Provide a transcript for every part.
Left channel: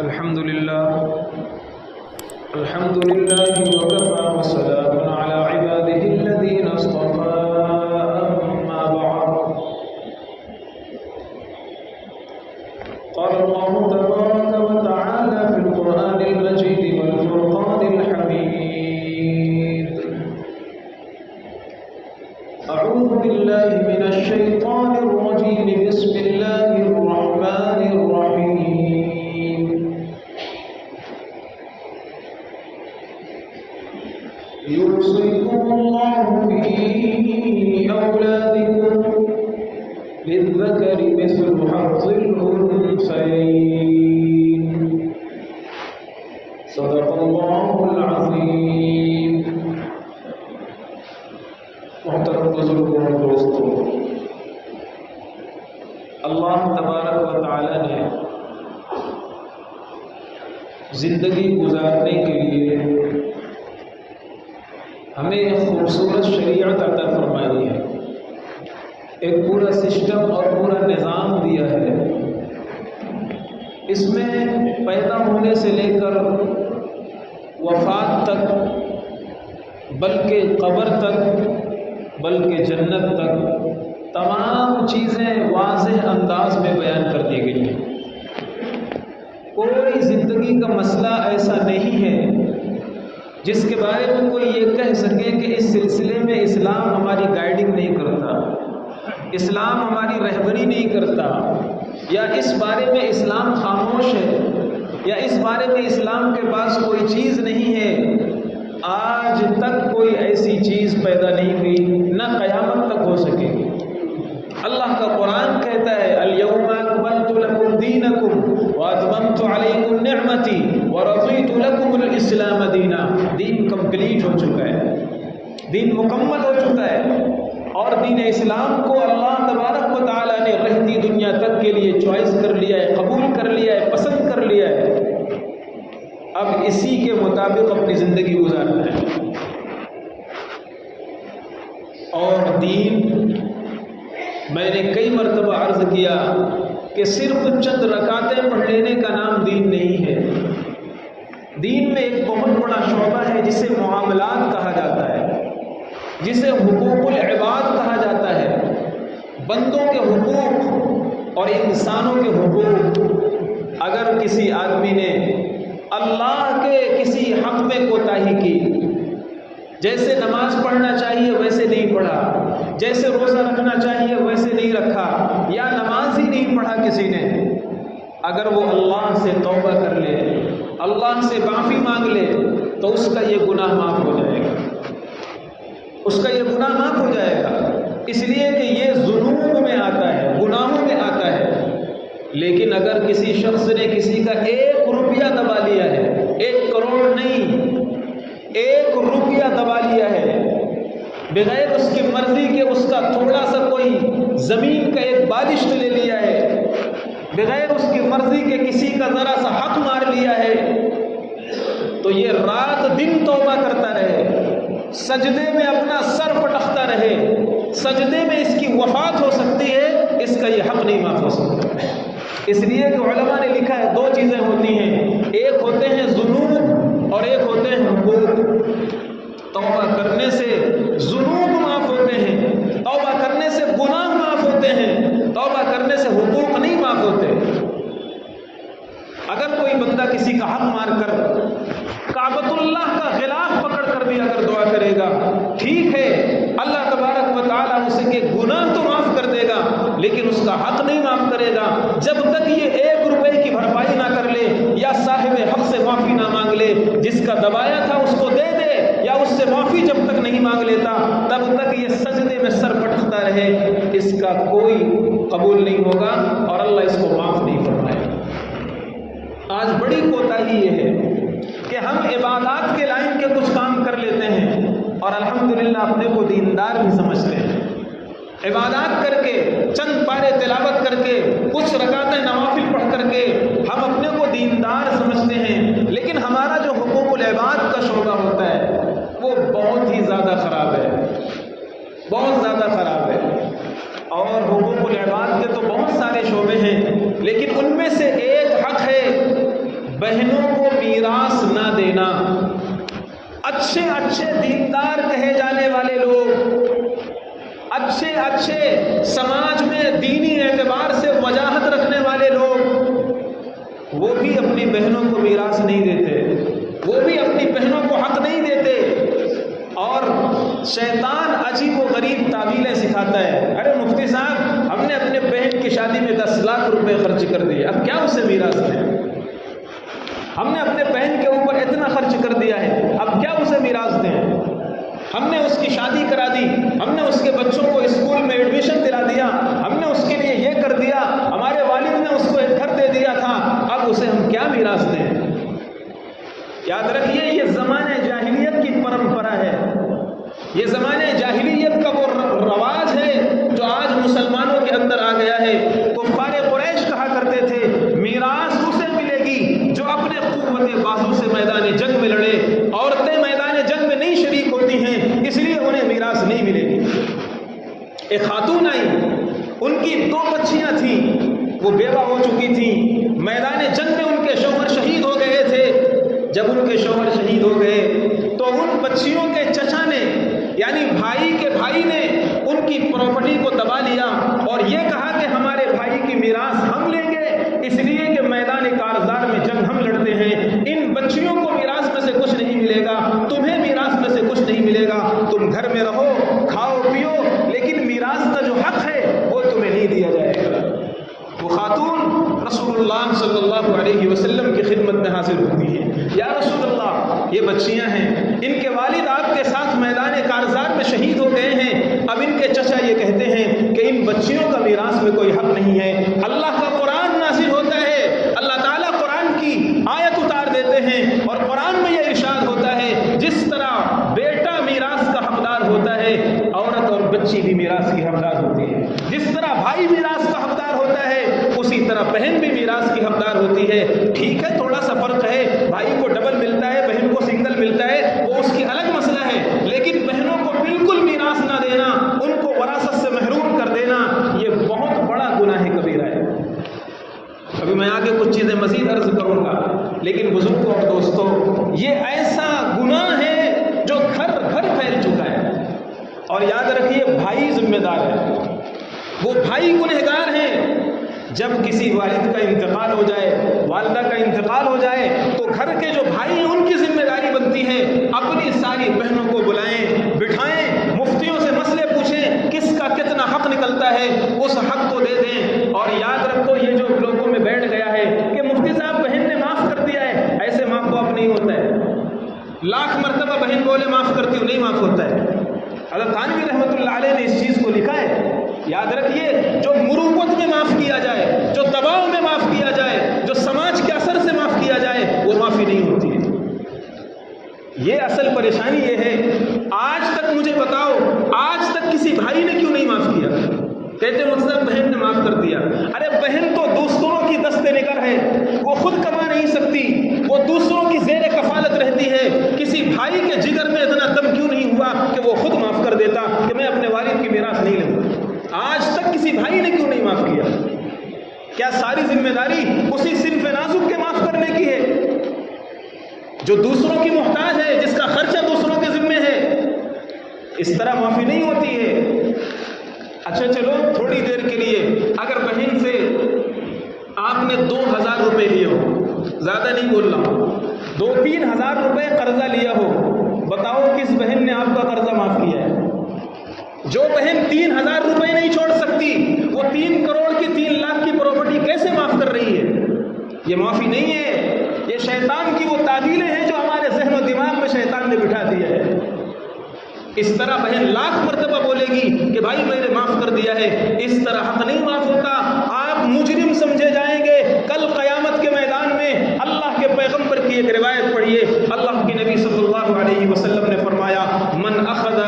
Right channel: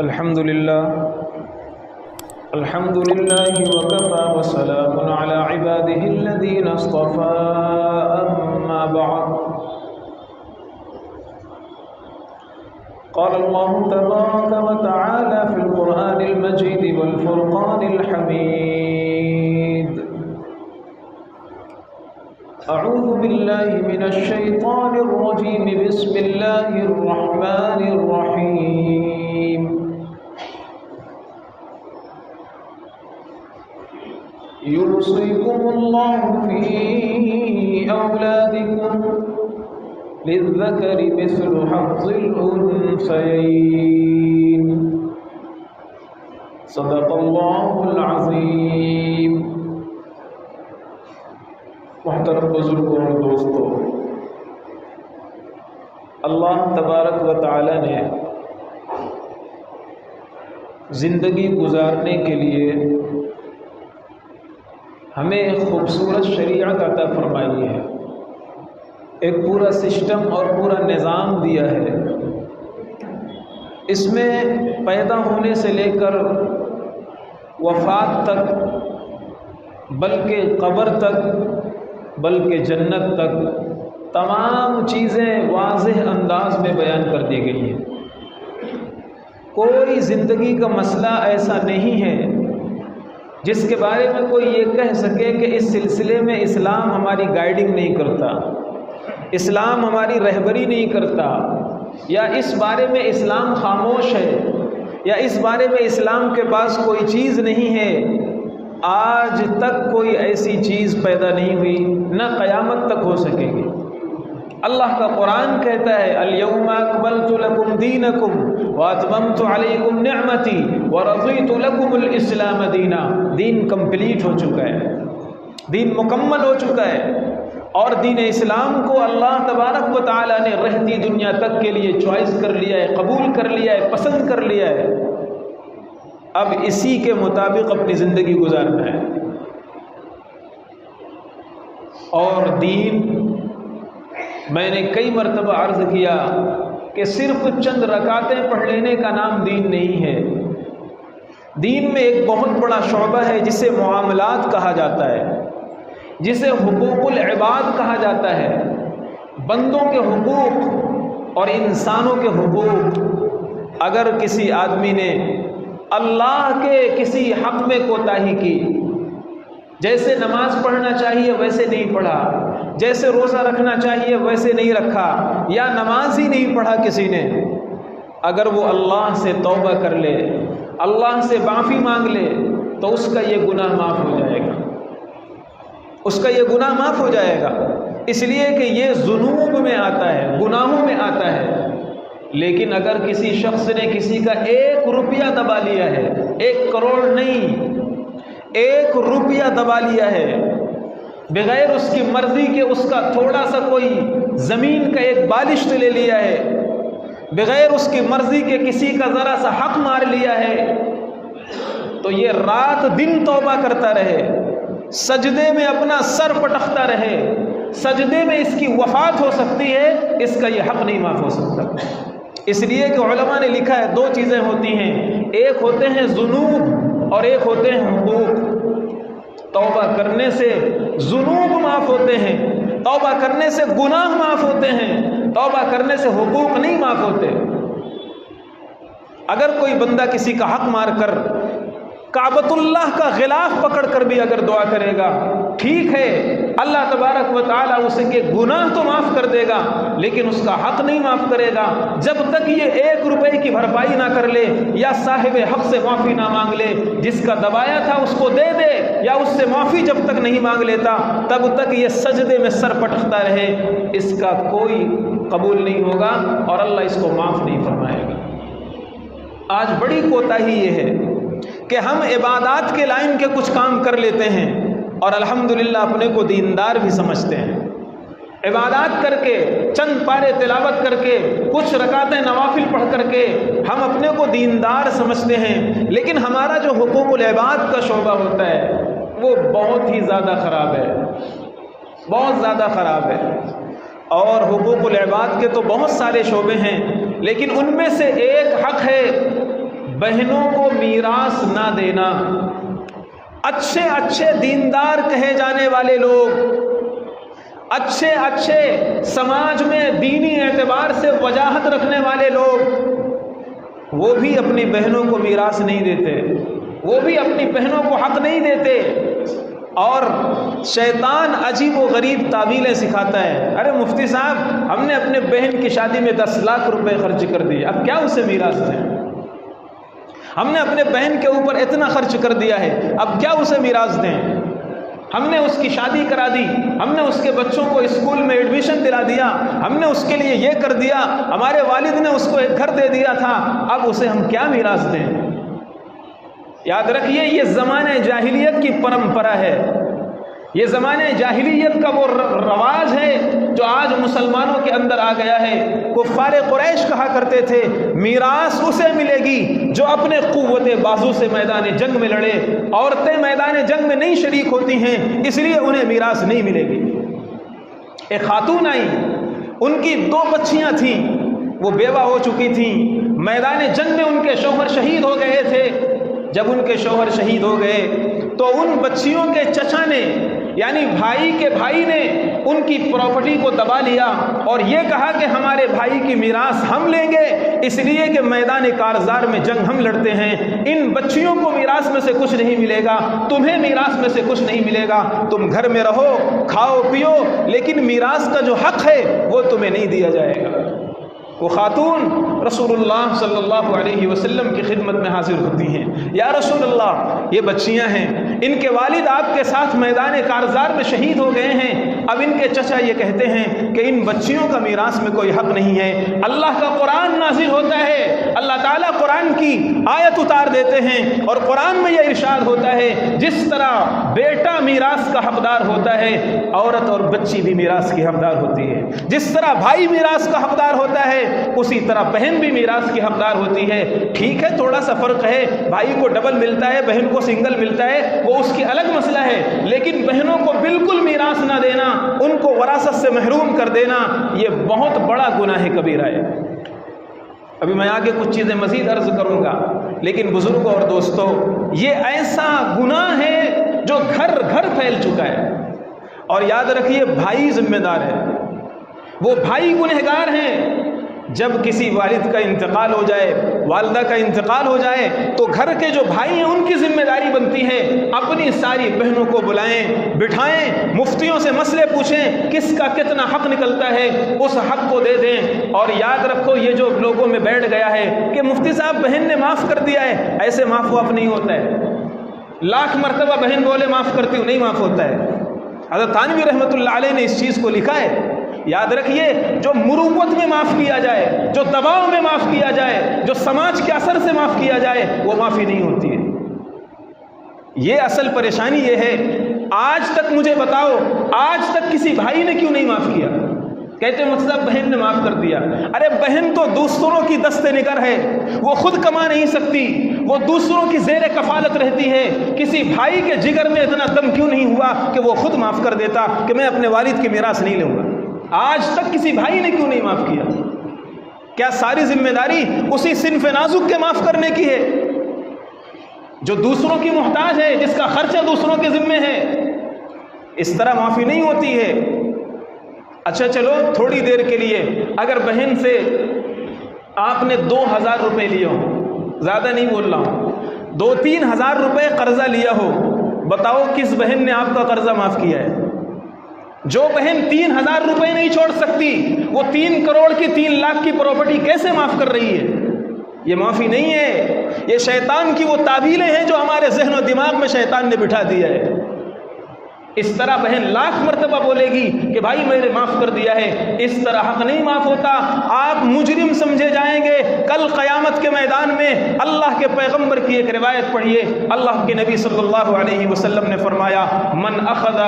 الحمد لله وكفى وسلام على عباده الذين اصطفى أما بعد قال الله تبارك وتعالى في القرآن المجيد والفرقان الحميد أعوذ بالله من الشيطان الرجيم بسم الله الرحمن الرحيم يوصيكم الله في أولادكم للذكر مثل حظ الأنثيين صدق الله العظيم. محترم بزرگوں اور دوستوں، اللہ تبارک و تعالی نے زندگی گزارنے کے لیے ہمیں ایک خوبصورت شریعت عطا فرمائی ہے، ایک پورا سسٹم اور پورا نظام دیا ہے. اس میں پیدا ہونے سے لے کر وفات تک، بلکہ قبر تک، بلکہ جنت تک تمام چیزیں واضح انداز میں بیان کر دی گئی ہیں. کوئی زندگی کا مسئلہ ایسا نہیں ہے جس کے بارے میں کوئی یہ کہہ سکے کہ اس سلسلے میں اسلام ہماری گائیڈنگ نہیں کرتا، اسلام ہماری رہبری نہیں کرتا، یا اس بارے میں اسلام خاموش ہے، یا اس بارے میں اسلام کے پاس کوئی چیز نہیں ہے. آج تک کوئی ایسی چیز پیدا نہیں ہوئی، نہ قیامت تک ہو سکے گی. اللہ کا قرآن کہتا ہے الیوم اکملت لکم دینکم واتممت علیکم نعمتی ورضیت لکم الاسلام دینا. دین کمپلیٹ ہو چکا ہے، دین مکمل ہو چکا ہے، اور دین اسلام کو اللہ تبارک و تعالی نے رہتی دنیا تک کے لیے چوائس کر لیا ہے، قبول کر لیا ہے، پسند کر لیا ہے. اب اسی کے مطابق اپنی زندگی گزارنا ہے. اور دین، میں نے کئی مرتبہ عرض کیا کہ صرف چند رکعتیں پڑھ لینے کا نام دین نہیں ہے. دین میں ایک بہت بڑا شعبہ ہے جسے معاملات کہا جاتا ہے، جسے حقوق العباد کہا جاتا ہے. بندوں کے حقوق اور انسانوں کے حقوق. اگر کسی آدمی نے اللہ کے کسی حق میں کوتاہی کی، جیسے نماز پڑھنا چاہیے ویسے نہیں پڑھا، جیسے روزہ رکھنا چاہیے ویسے نہیں رکھا، یا نماز ہی نہیں پڑھا کسی نے، اگر وہ اللہ سے توبہ کر لے، اللہ سے معافی مانگ لے، تو اس کا یہ گناہ معاف ہو جائے گا، اس کا یہ گناہ معاف ہو جائے گا. اس لیے کہ یہ ذنوب میں آتا ہے، گناہوں میں آتا ہے. لیکن اگر کسی شخص نے کسی کا 1 روپیہ دبا لیا ہے، 1 کروڑ نہیں، 1 روپیہ دبا لیا ہے، بغیر اس کی مرضی کے اس کا تھوڑا سا کوئی زمین کا ایک بالشت لے لیا ہے، بغیر اس کی مرضی کے کسی کا ذرا سا حق مار لیا ہے، تو یہ رات دن توبہ کرتا رہے، سجدے میں اپنا سر پٹکتا رہے، سجدے میں اس کی وفات ہو سکتی ہے، اس کا یہ حق نہیں معاف ہو سکتا. اس لیے کہ علماء نے لکھا ہے 2 چیزیں ہوتی ہیں، ایک ہوتے ہیں ذنوب اور ایک ہوتے ہیں حقوق. توبہ کرنے سے ذنوب معاف ہوتے ہیں، توبہ کرنے سے گناہ معاف ہوتے ہیں، توبہ کرنے سے حقوق نہیں معاف ہوتے. اگر کوئی بندہ کسی کا حق مار کر کعبۃ اللہ کا غلاف پکڑ کر بھی اگر دعا کرے گا، ٹھیک ہے، اللہ تبارک و تعالیٰ اسے کے گناہ تو معاف کر دے گا، لیکن اس کا حق نہیں معاف کرے گا جب تک یہ 1 روپے کی بھرپائی نہ کر لے، یا صاحب حق سے معافی نہ مانگ لے. جس کا دبایا تھا اس کو دے دے، یا اس سے معافی جب تک نہیں مانگ لیتا تب تک یہ سجدے میں سر پٹکتا رہے، اس کا کوئی قبول نہیں ہوگا اور اللہ اس کو معاف نہیں فرمائے گا. آج بڑی کوتاہی یہ ہے کہ ہم عبادات کے لائن کے کچھ کام کر لیتے ہیں اور الحمدللہ اپنے کو دیندار بھی سمجھتے ہیں. عبادات کر کے، چند پارے تلاوت کر کے، کچھ رکعتیں نوافل پڑھ کر کے ہم اپنے کو دیندار سمجھتے ہیں، لیکن ہمارا جو حقوق العباد کا شعبہ ہوتا ہے وہ بہت ہی زیادہ خراب ہے، بہت زیادہ خراب ہے. اور حقوق العباد کے تو بہت سارے شعبے ہیں، لیکن ان میں سے ایک حق ہے بہنوں کو میراث نہ دینا. اچھے اچھے دیندار کہے جانے والے لوگ، اچھے اچھے سماج میں دینی اعتبار سے وجاہت رکھنے والے لوگ، وہ بھی اپنی بہنوں کو میراث نہیں دیتے، وہ بھی اپنی بہنوں کو حق نہیں دیتے. اور شیطان عجیب و غریب تعویلیں سکھاتا ہے. ارے مفتی صاحب، ہم نے اپنے بہن کی شادی میں 10 لاکھ روپے خرچ کر دیے، اب کیا اسے میراث دیں؟ ہم نے اپنے بہن کے اوپر اتنا خرچ کر دیا ہے، اب کیا اسے میراث دیں؟ ہم نے اس کی شادی کرا دی، ہم نے اس کے بچوں کو اسکول میں ایڈمیشن دلا دیا، ہم نے اس کے لیے یہ کر دیا، ہمارے والد نے اس کو ایک گھر دے دیا تھا، اب اسے ہم کیا میراث دیں؟ یاد رکھیے، یہ زمانے جاہلیت کی پرمپرا ہے، یہ زمانے جاہلیت کا وہ رواج ہے جو آج مسلمانوں کے اندر آ گیا ہے. کفار قریش کہا کرتے تھے میراث اسے ملے گی جو اپنے قوت بازو سے میدان جنگ میں لڑے. عورتیں میدان جنگ میں نہیں شریک ہوتی ہیں، اس لیے انہیں میراث نہیں ملے گی. ایک خاتون آئی، ان کی 2 بچیاں تھیں، وہ بیوہ ہو چکی تھیں، میدان جنگ میں ان کے شوہر شہید ہو گئے تھے. جب ان کے شوہر شہید ہو گئے تو ان بچیوں کے چچا نے، یعنی بھائی کے بھائی نے، ان کی پراپرٹی کو دبا لیا اور یہ کہا کہ ہمارے بھائی کی میراث ہم لیں گے، اس لیے کہ میدان کارزار میں جنگ ہم لڑتے ہیں. ان بچیوں کو میراث میں سے کچھ نہیں ملے گا، تمہیں میراث میں سے کچھ نہیں ملے گا، تم گھر میں رہو، کھاؤ پیو، لیکن میراث کا جو حق ہے وہ تمہیں نہیں دیا جائے گا. وہ خاتون رسول اللہ صلی اللہ علیہ وسلم کی خدمت میں حاضر ہوتی ہیں. یا رسول اللہ، یہ بچیاں ہیں، ان کے والد آپ کے ساتھ میدان کارزار میں شہید ہو گئے ہیں، اب ان کے چچا یہ کہتے ہیں کہ ان بچیوں کا میراث میں کوئی حق نہیں ہے. اللہ کا قرآن نازل ہوتا ہے، اللہ تعالیٰ قرآن کی آیت اتار دیتے ہیں اور قرآن میں یہ ارشاد ہوتا ہے جس طرح بیٹا میراث کا حقدار ہوتا ہے، عورت اور بچی بھی میراث کی حقدار ہوتی ہے. جس طرح بھائی میراث کا حقدار ہوتا ہے، اسی طرح بہن بھی میراث کی حقدار ہوتی ہے. ٹھیک ہے، تھوڑا سا فرق ہے، بھائی کو ڈبل ملتا ہے، بہن کو سنگل ملتا ہے، وہ اس کی الگ مسئلہ ہے، لیکن بہنوں کو بالکل میراث نہ دینا، ان کو وراثت سے محروم کر دینا، یہ بہت بڑا گناہ کبیرہ ہے. ابھی میں آگے کچھ چیزیں مزید عرض کروں گا، لیکن بزرگوں اور دوستوں، یہ ایسا گناہ ہے جو گھر گھر پھیل چکا ہے. اور یاد رکھیے، بھائی ذمہ دار ہے، وہ بھائی گنہگار ہیں. جب کسی والد کا انتقال ہو جائے، والدہ کا انتقال ہو جائے، تو گھر کے جو بھائی ہیں ان کی ذمہ داری بنتی ہے اپنی ساری بہنوں کو بلائیں، بٹھائیں، مفتیوں سے مسئلے پوچھیں، کس کا کتنا حق نکلتا ہے اس حق کو دے دیں. اور یاد رکھو، یہ جو لوگوں میں بیٹھ گیا ہے کہ مفتی صاحب بہن نے معاف کر دیا ہے، ایسے معاف واف نہیں ہوتا ہے. لاکھ مرتبہ بہن بولے معاف کرتی ہوں، نہیں معاف ہوتا ہے. حضرت تھانوی رحمۃ اللہ علیہ نے اس چیز کو لکھا ہے. یاد رکھیے، جو مروت میں معاف کیا جائے، جو دباؤ میں معاف کیا جائے، جو سماج کے اثر سے معاف کیا جائے، وہ معافی نہیں ہوتی ہے. یہ اصل پریشانی یہ ہے. آج تک مجھے بتاؤ، آج تک کسی بھائی نے کیوں نہیں معاف کیا؟ کہتے مقصد بہن نے معاف کر دیا. ارے بہن تو دوسروں کی دست نگر ہے، وہ خود کما نہیں سکتی، وہ دوسروں کی زیر کفالت رہتی ہے. کسی بھائی کے جگر میں اتنا دم کیوں نہیں ہوا کہ وہ خود معاف کر دیتا کہ میں اپنے والد کی میراث نہیں لوں؟ آج تک کسی بھائی نے کیوں نہیں معاف کیا؟ کیا ساری ذمہ داری اسی صنف نازک کے معاف کرنے کی ہے جو دوسروں کی محتاج ہے، جس کا خرچہ دوسروں کے ذمے ہے؟ اس طرح معافی نہیں ہوتی ہے. اچھا چلو، تھوڑی دیر کے لیے اگر بہن سے آپ نے 2000 روپے لیے ہو، زیادہ نہیں بول رہا ہوں، 2-3 ہزار روپے قرضہ لیا ہو، بتاؤ کس بہن نے آپ کا قرضہ معاف کیا ہے؟ جو بہن 3000 روپے نہیں چھوڑ سکتی، وہ 3 کروڑ کی 3 لاکھ کی پراپرٹی کیسے معاف کر رہی ہے؟ یہ معافی نہیں ہے، یہ شیطان کی وہ تعبیریں ہیں جو ہمارے ذہن و دماغ میں شیطان نے بٹھا دیا ہے. اس طرح بہن لاکھ مرتبہ بولے گی کہ بھائی میں نے معاف کر دیا ہے، اس طرح حق نہیں معاف ہوتا. آپ مجرم سمجھے جائیں گے کل قیامت کے میدان میں. اللہ کے پیغمبر کی ایک روایت پڑھیے، اللہ کے نبی صلی اللہ علیہ وسلم نے فرمایا، من اخذ،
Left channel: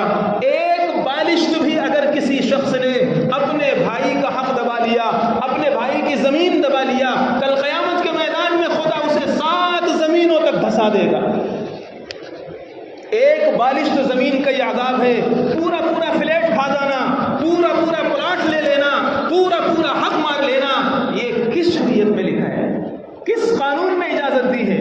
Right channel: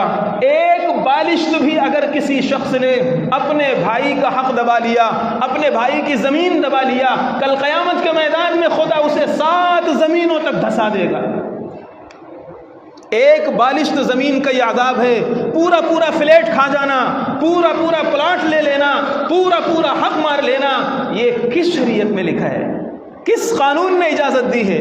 ایک بالشت بھی اگر کسی شخص نے اپنے بھائی کا حق دبا لیا، اپنے بھائی کی زمین دبا لیا، کل قیامت کے میدان میں خدا اسے 7 زمینوں تک دھسا دے گا. ایک بالشت زمین کا یہ عذاب ہے. پورا پورا فلیٹ کھا جانا، پورا پورا پلاٹ لے لینا، پورا پورا حق مار لینا. یہ کس شریعت میں لکھا ہے؟ کس قانون نے اجازت دی ہے؟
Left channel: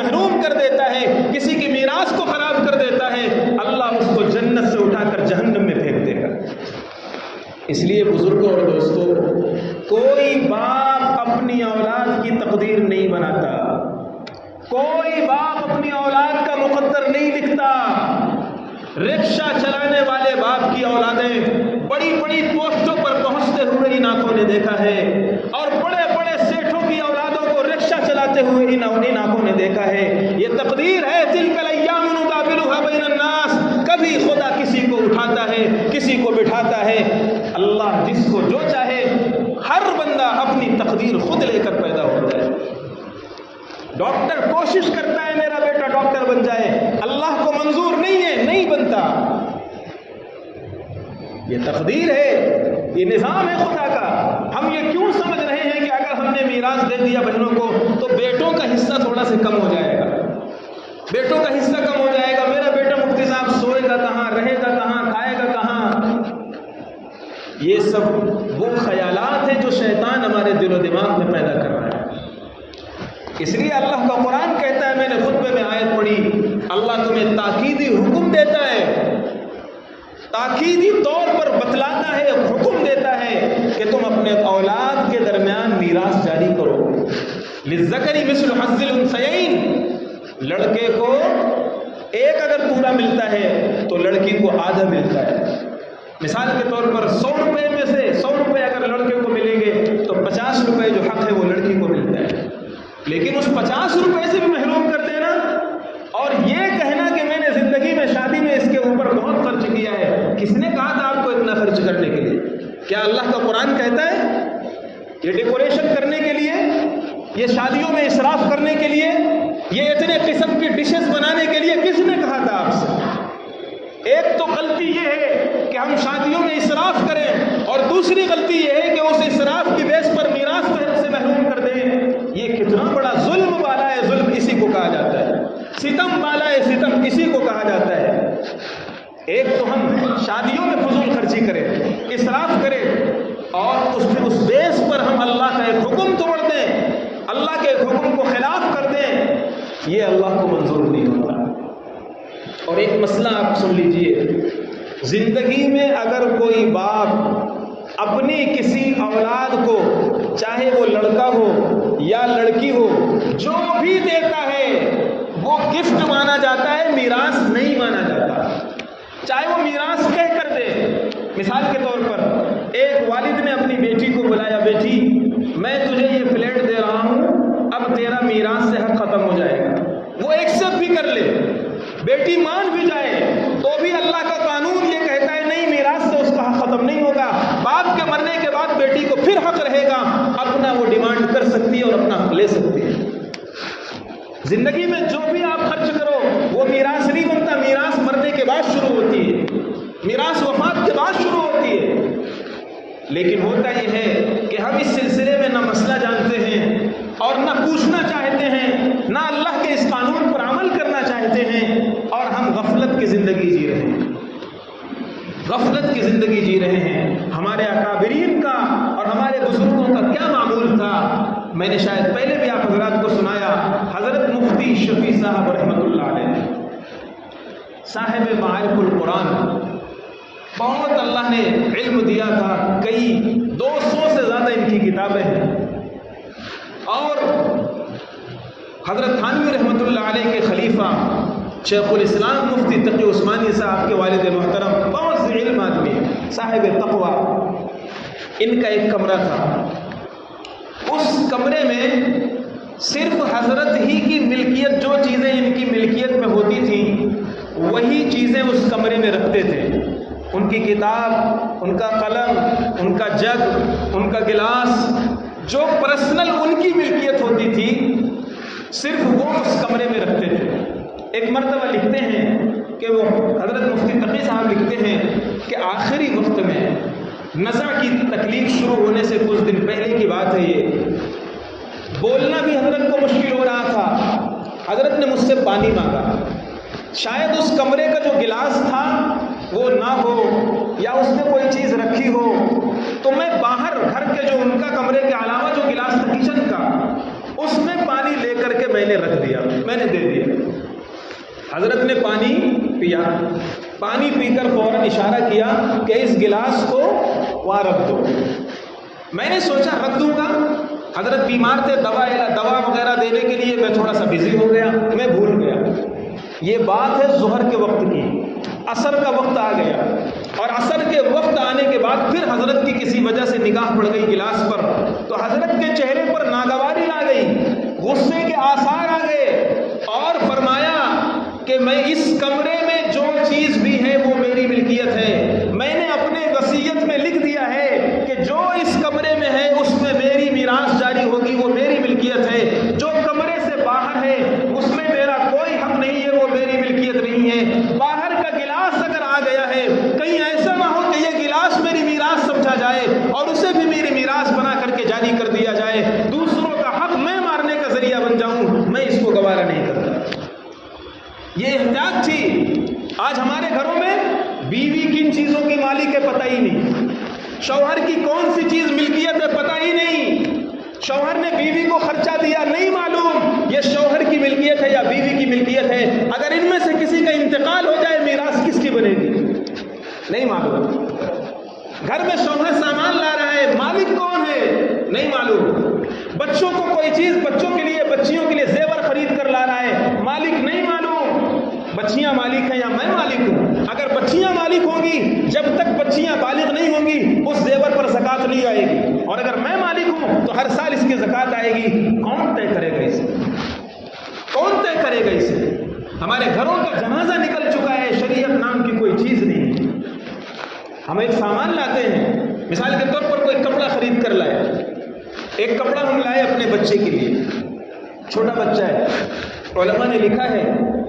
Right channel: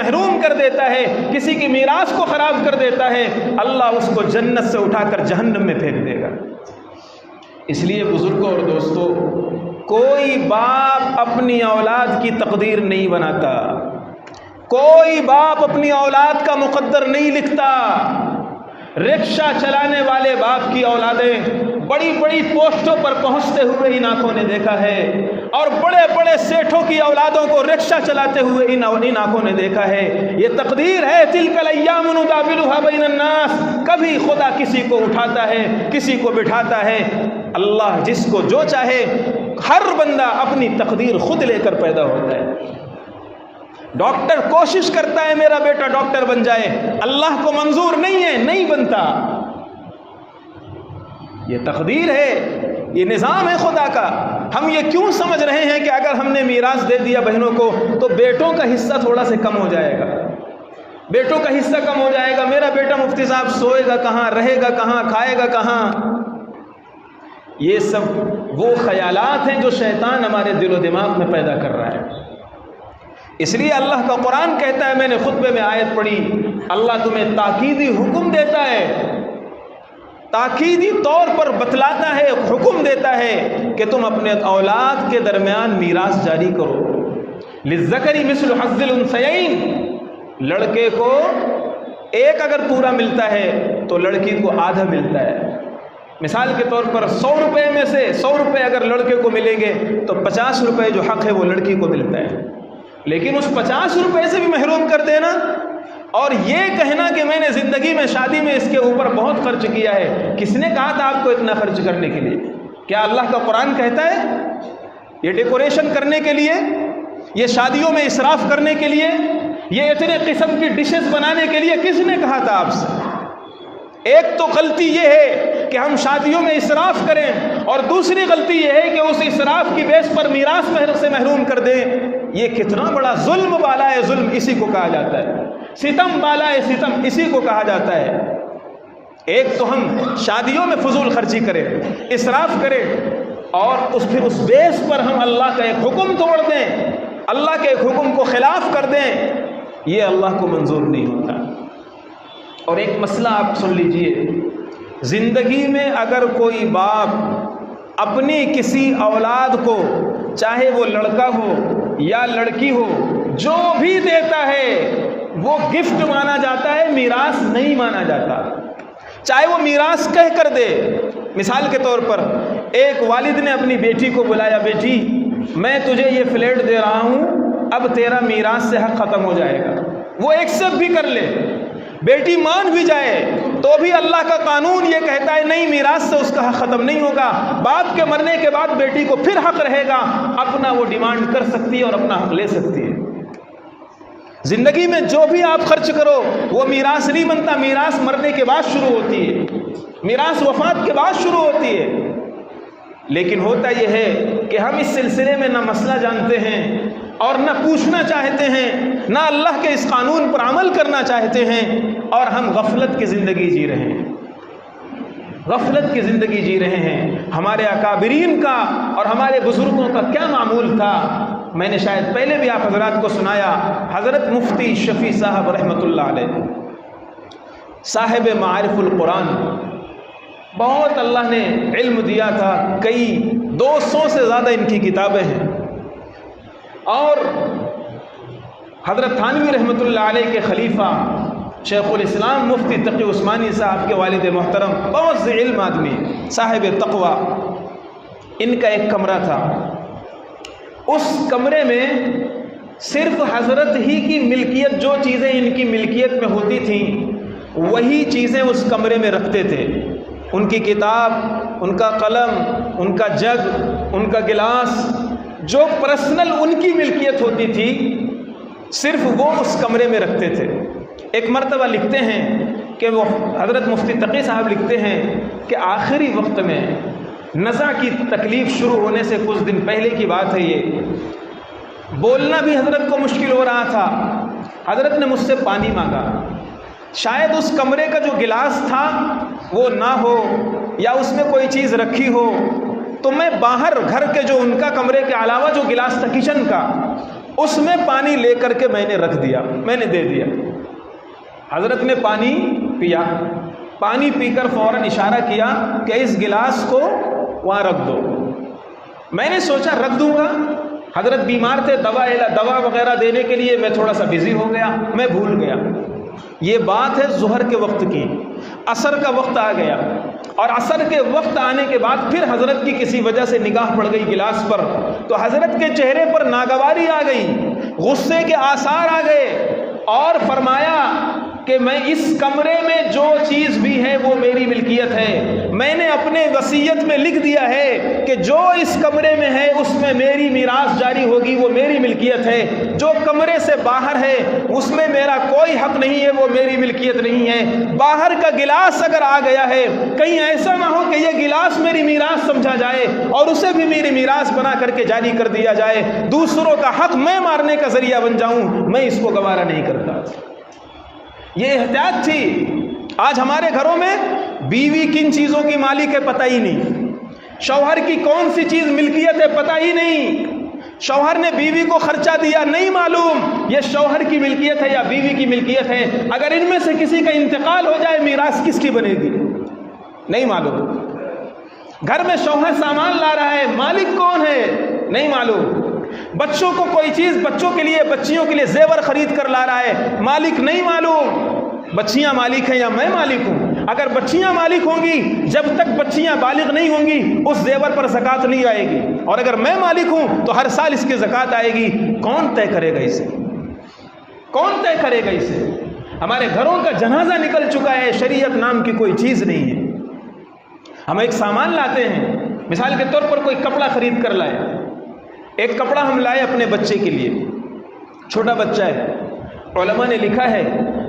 محروم کر دیتا ہے، کسی کی میراث کو خراب کر دیتا ہے، اللہ اس کو جنت سے اٹھا کر جہنم میں پھینک دے گا۔ اس لیے بزرگوں اور دوستوں، کوئی باپ اپنی اولاد کی تقدیر نہیں بناتا، کوئی باپ اپنی اولاد کا مقدر نہیں لکھتا۔ رکشہ چلانے والے باپ کی اولادیں بڑی بڑی پوسٹوں پر پہنچتے ہوئے ان آنکھوں نے دیکھا ہے، اور بڑے بڑے سیٹھوں کی اولادوں کو رکشہ چلاتے ہوئے ان آنکھوں نے دیکھا ہے۔ یہ تقدیر ہے، تلک الایام نداولها بین الناس۔ کبھی خدا کسی کو اٹھاتا ہے، کسی کو بٹھاتا ہے۔ اللہ جس کو جو چاہے، ہر بندہ اپنی تقدیر خود لے کر پیدا ہوتا ہے۔ ڈاکٹر کوشش کرتا ہے میرا بیٹا ڈاکٹر بن جائے، اللہ کو منظور نہیں ہے، نہیں بنتا۔ یہ تقدیر ہے، یہ نظام ہے خدا کا۔ ہم یہ کیوں سمجھ رہے ہیں کہ اگر ہم نے میراث دے دیا بہنوں کو تو بیٹوں کا حصہ تھوڑا سے کم ہو جائے گا، بیٹوں کا حصہ کم ہو جائے گا، میرا بیٹا مفتی صاحب سوئے گا کہاں، رہے گا کہاں، کھائے گا کہاں؟ یہ سب وہ خیالات ہیں جو شیطان ہمارے دل و دماغ میں پیدا کر رہا ہے۔ اس لیے اللہ کا قرآن کہتا ہے، میں نے خطبے میں آیت پڑھی، اللہ تمہیں تاکیدی حکم دیتا ہے، تاکیدی طور پر بتلاتا ہے، حکم دیتا ہے کہ تم اپنے اولاد کے درمیان میراث جاری کرو۔ للذکر مثل حظ الانثیین، لڑکے کو ایک اگر پورا ملتا ہے تو لڑکی کو آدھا ملتا ہے۔ مثال کے طور پر 100 روپے میں سے 100 روپے اگر لڑکے کو ملیں گے تو 50 روپے جو حق ہے وہ لڑکی کو ملتا ہے، لیکن اس 50 روپے سے بھی محروم کر دینا اور یہ کہنا کہ میں نے زندگی میں شادی میں اس کے اوپر بہت خرچ کیا ہے۔ کس نے کہا تھا آپ کو اتنا خرچ کرنے کے لیے؟ کیا اللہ کا قرآن کہتا ہے یہ ڈیکوریشن کرنے کے لیے، یہ شادیوں میں اسراف کرنے کے لیے، یہ اتنے قسم کی ڈشز بنانے کے لیے کس نے کہا تھا آپ سے؟ ایک تو غلطی یہ ہے کہ ہم شادیوں میں اسراف کریں، اور دوسری غلطی یہ ہے کہ اس اسراف کی بیس پر میراث سے محروم کر دیں۔ یہ کتنا بڑا ظلم والا ہے، ظلم اسی کو کہا جاتا ہے، ستم والا ہے، ستم اسی کو کہا جاتا ہے۔ ایک تو ہم شادیوں میں فضول خرچی کریں، اسراف کریں، اور اس بیس پر ہم اللہ کا ایک حکم توڑ دیں، اللہ کے ایک حکم کو خلاف کر دیں، یہ اللہ کو منظور نہیں ہوتا۔ اور ایک مسئلہ آپ سن لیجئے، زندگی میں اگر کوئی باپ اپنی کسی اولاد کو، چاہے وہ لڑکا ہو یا لڑکی ہو، جو بھی دیتا ہے وہ گفٹ مانا جاتا ہے، میراث نہیں مانا جاتا۔ چاہے وہ میراث کہہ کر دے، مثال کے طور پر ایک والد نے اپنی بیٹی کو بلایا، بیٹی میں تجھے یہ فلیٹ دے رہا ہوں، اب تیرا میراث سے حق ختم ہو جائے گا۔ وہ ایکسپٹ بھی کر لے، بیٹی مان بھی جائے، تو بھی اللہ کا قانون یہ کہتا ہے نہیں، میراث سے اس کا حق ختم نہیں ہوگا۔ باپ کے مرنے کے بعد بیٹی کو پھر حق رہے گا، اپنا وہ ڈیمانڈ کر سکتی ہے اور اپنا حق لے سکتی ہے۔ زندگی میں جو بھی آپ خرچ کرو وہ میراث نہیں بنتا، میراث مرنے کے بعد شروع ہوتی ہے، میراث وفات کے بعد شروع ہوتی ہے۔ لیکن ہوتا یہ ہے کہ ہم اس سلسلے میں نہ مسئلہ جانتے ہیں اور نہ پوچھنا چاہتے ہیں، نہ اللہ کے اس قانون پر عمل کرنا چاہتے ہیں، اور ہم غفلت کی زندگی جی رہے ہیں، غفلت کی زندگی جی رہے ہیں۔ ہمارے اکابرین کا اور ہمارے بزرگوں کا کیا معمول تھا، میں نے شاید پہلے بھی آپ حضرات کو سنایا۔ حضرت مفتی شفیع صاحب رحمۃ اللہ علیہ، صاحب معارف القرآن، بہت اللہ نے علم دیا تھا، کئی 200 سے زیادہ ان کی کتابیں ہیں، اور حضرت تھانوی رحمۃ اللہ علیہ کے خلیفہ شیخ الاسلام مفتی تقی عثمانی صاحب کے والد محترم، بہت سے علم آدمی، صاحب تقوی، ان کا ایک کمرہ تھا۔ اس کمرے میں صرف حضرت ہی کی ملکیت، جو چیزیں ان کی ملکیت میں ہوتی تھیں وہی چیزیں اس کمرے میں رکھتے تھے۔ ان کی کتاب، ان کا قلم، ان کا جگ، ان کا گلاس، جو پرسنل ان کی ملکیت ہوتی تھی صرف وہ اس کمرے میں رکھتے تھے۔ ایک مرتبہ لکھتے ہیں کہ وہ حضرت مفتی تقی صاحب لکھتے ہیں کہ آخری وقت میں نزع کی تکلیف شروع ہونے سے کچھ دن پہلے کی بات ہے، یہ بولنا بھی حضرت کو مشکل ہو رہا تھا۔ حضرت نے مجھ سے پانی مانگا، شاید اس کمرے کا جو گلاس تھا وہ نہ ہو یا اس میں کوئی چیز رکھی ہو، تو میں باہر گھر کے جو ان کا کمرے کے علاوہ جو گلاس تھا کچن کا، اس میں پانی لے کر کر کے میں نے رکھ دیا، میں نے دے دیا۔ حضرت نے پانی پیا، پانی پی کر فوراً اشارہ کیا کہ اس گلاس کو وہاں رکھ دو۔ میں نے سوچا رکھ دوں گا، حضرت بیمار تھے، دوا وغیرہ دینے کے لیے میں تھوڑا سا بزی ہو گیا، میں بھول گیا۔ یہ بات ہے ظہر کے وقت کی، عصر کا وقت آ گیا، اور عصر کے وقت آنے کے بعد پھر حضرت کی کسی وجہ سے نگاہ پڑ گئی گلاس پر، تو حضرت کے چہرے پر ناگواری آ گئی، غصے کے آثار آ گئے، اور فرمایا کہ میں اس کمرے میں جو چیز بھی ہے وہ میری ملکیت ہے، میں نے اپنے وصیت میں لکھ دیا ہے کہ جو اس کمرے میں ہے اس میں میری میراث جاری ہوگی، وہ میری ملکیت ہے، جو کمرے سے باہر ہے اس میں میرا کوئی حق نہیں ہے، وہ میری ملکیت نہیں ہے۔ باہر کا گلاس اگر آ گیا ہے، کہیں ایسا نہ ہو کہ یہ گلاس میری میراث سمجھا جائے اور اسے بھی میری میراث بنا کر کے جاری کر دیا جائے، دوسروں کا حق میں مارنے کا ذریعہ بن جاؤں، میں اس کو گوارا نہیں کرتا۔ یہ احتیاط تھی۔ آج ہمارے گھروں میں بیوی کن چیزوں کی مالک ہے پتہ ہی نہیں، شوہر کی کون سی چیز ملکیت ہے پتہ ہی نہیں، شوہر نے بیوی کو خرچہ دیا نہیں معلوم یہ شوہر کی ملکیت ہے یا بیوی کی ملکیت ہے، اگر ان میں سے کسی کا انتقال ہو جائے میراث کس کی بنے گی نہیں معلوم۔ گھر میں شوہر سامان لا رہا ہے، مالک کون ہے نہیں معلوم۔ بچوں کو کوئی چیز بچوں کے لیے بچیوں کے لیے زیور خرید کر لا رہا ہے، مالک نہیں معلوم۔ بچیاں مالک ہیں یا میں مالک ہوں؟ اگر بچیاں مالک ہوں گی، جب تک بچیاں بالغ نہیں ہوں گی اس زیور پر زکوٰۃ نہیں آئے گی، اور اگر میں مالک ہوں تو ہر سال اس کی زکوٰۃ آئے گی۔ کون طے کرے گا اسے؟ کون طے کرے گا اسے؟ ہمارے گھروں کا جنازہ نکل چکا ہے، شریعت نام کی کوئی چیز نہیں ہے۔ ہم ایک سامان لاتے ہیں، مثال کے طور پر کوئی کپڑا خرید کر لائے، ایک کپڑا ہم لائے اپنے بچے کے لیے، چھوٹا بچہ ہے، علماء نے لکھا ہے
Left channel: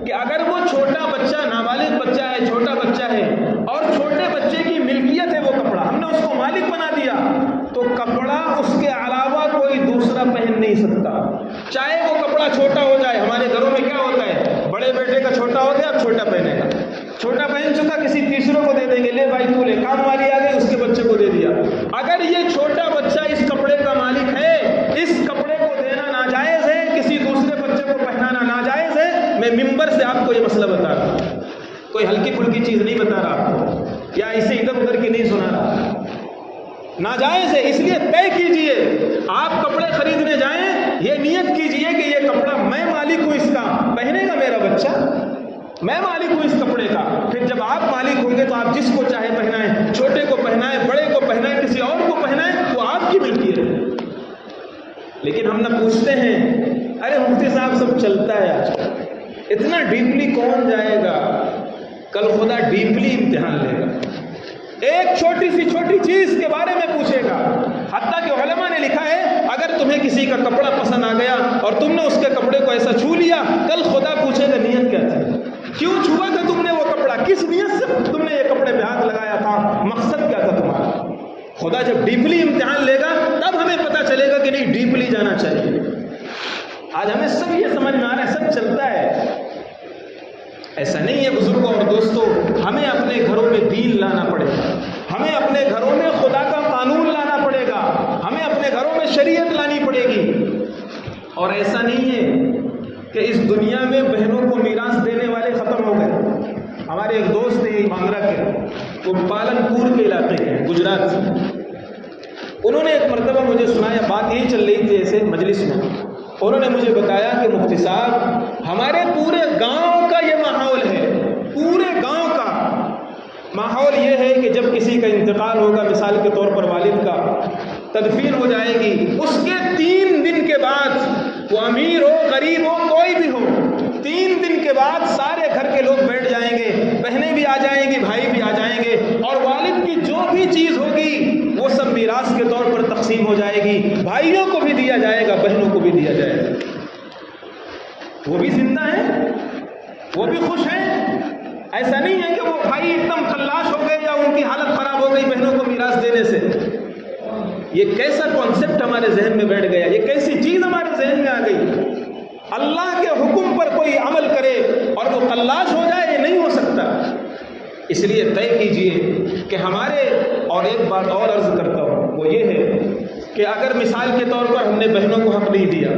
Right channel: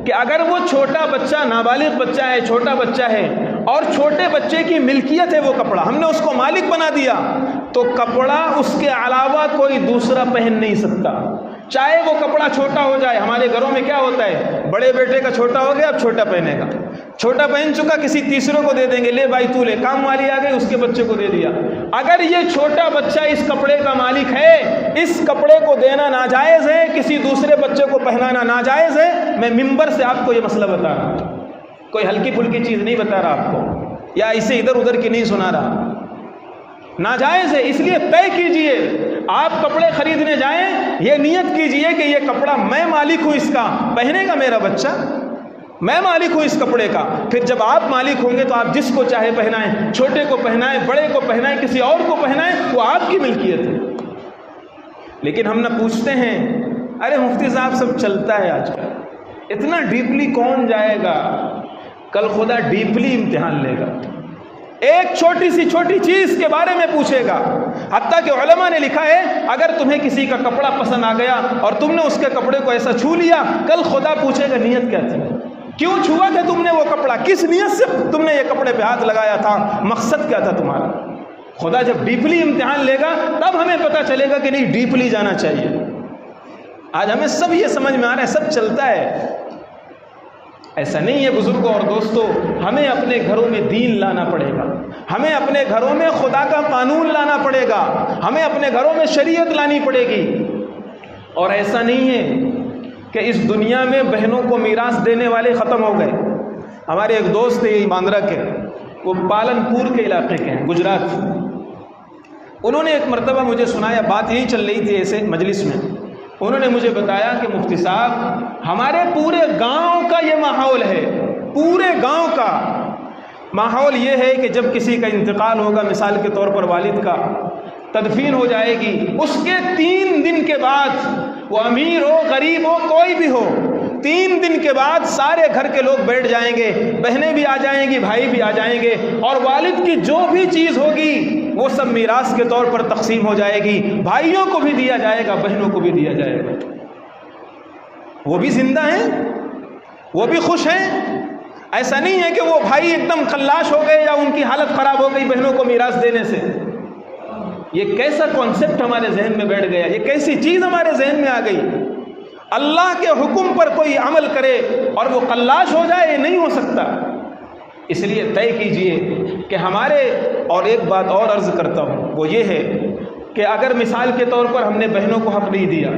کہ اگر وہ چھوٹا بچہ نابالغ بچہ ہے، چھوٹا بچہ ہے اور چھوٹے بچے کی ملکیت ہے وہ کپڑا، ہم نے اس کو مالک بنا دیا، تو کپڑا اس کے علاوہ کوئی دوسرا پہن نہیں سکتا، چاہے وہ کپڑا چھوٹا ہو جائے۔ ہمارے گھروں میں کیا ہوتا ہے، بڑے بیٹے کا چھوٹا ہو گیا اب چھوٹا پہنے گا، چھوٹا پہن چکا کسی تیسروں کو دے دیں گے، لے بھائی تو لے، کام والی آ گئی اس کے بچے کو دے دیا۔ اگر یہ چھوٹا بچہ اس کپڑے کا مالک ہے، اس کپڑے کو دینا ناجائز ہے، کسی دوسرے بچے کو پہنانا ناجائز ہے۔ میں ممبر سے آپ کو یہ مسئلہ بتا رہا ہوں، کوئی ہلکی پھلکی چیز نہیں بتا رہا یا اسے ادھر ادھر کی نہیں سنا رہا، ناجائز ہے۔ اس لیے طے کیجئے، آپ کپڑے خریدنے جائیں یہ نیت کیجئے کہ یہ کپڑا میں مالک ہوں، اس کا پہنے گا میرا بچہ، میں مالک ہوں اس کپڑے کا۔ پھر جب آپ مالک ہوں گے تو آپ جس کو چاہے پہنائیں، چھوٹے کو پہنائیں، بڑے کو پہنائیں، کسی اور کو پہنائیں، وہ آپ کی ملکیت ہے۔ لیکن ہم نہ پوچھتے ہیں، ارے مفتی صاحب سب چلتا ہے آج کل، اتنا ڈیپلی کون جائے گا؟ کل خدا ڈیپلی امتحان لے گا، ایک چھوٹی سی چھوٹی چیز کے بارے میں پوچھے گا۔ حتیٰ کہ علماء نے لکھا ہے اگر تمہیں کسی کا کپڑا پسند آ گیا اور تم نے اس کے کپڑے کو ایسا چھو لیا، کل خدا پوچھے گا نیت کیا تھی، کیوں چھوا تھا تم نے وہ کپڑا، کس نیت سے تم نے یہ کپڑے پہ ہاتھ لگایا تھا، مقصد کیا تھا تمہارا۔ خدا جب ڈیپلی امتحان لے گا تب ہمیں پتہ چلے گا کہ نہیں ڈیپلی جانا چاہیے۔ آج ہمیں سب یہ سمجھ میں آ رہا ہے سب چلتا ہے، ایسا نہیں ہے بزرگوں اور دوستوں، ہمیں اپنے گھروں میں دین لانا پڑے گا، ہمیں اپنے گھروں میں خدا کا قانون لانا پڑے گا، ہمیں اپنے گھروں میں شریعت لانی پڑے گی۔ اور ایسا نہیں ہے کہ اس دنیا میں بہنوں کو میراث دینے والے ختم ہو گئے۔ ہمارے ایک دوست ہیں باندرا کے، وہ پالن پور کے علاقے کے ہیں، گجرات، انہوں نے ایک مرتبہ مجھے سنایا، بات یہی چل رہی تھی ایسے مجلس میں، انہوں نے مجھے بتایا کہ مفتی صاحب ہمارے پورے گاؤں کا یہ ماحول ہے، پورے گاؤں کا ماحول یہ ہے کہ جب کسی کا انتقال ہوگا، مثال کے طور پر والد کا، تدفین ہو جائے گی، اس کے 3 دن کے بعد، وہ امیر ہو غریب ہو کوئی بھی ہو، 3 دن کے بعد سارے گھر کے لوگ بیٹھ جائیں گے، بہنیں بھی آ جائیں گی، بھائی بھی آ جائیں گے، اور والد کی جو بھی چیز ہوگی وہ سب میراث کے طور پر تقسیم ہو جائے گی، بھائیوں کو بھی دیا جائے گا، بہنوں کو بھی دیا جائے گا۔ وہ بھی زندہ ہیں، وہ بھی خوش ہیں، ایسا نہیں ہے کہ وہ بھائی ایک دم خلاش ہو گئے یا ان کی حالت خراب ہو گئی بہنوں کو میراث دینے سے۔ یہ کیسا کانسیپٹ ہمارے ذہن میں بیٹھ گیا، یہ کیسی چیز ہمارے ذہن میں آ گئی۔ اللہ کے حکم پر کوئی عمل کرے اور وہ خلاش ہو جائے، یہ نہیں ہو سکتا۔ اس لیے طے کیجئے کہ ہمارے، اور ایک بات اور عرض کرتا ہوں، وہ یہ ہے کہ اگر مثال کے طور پر ہم نے بہنوں کو حق نہیں دیا،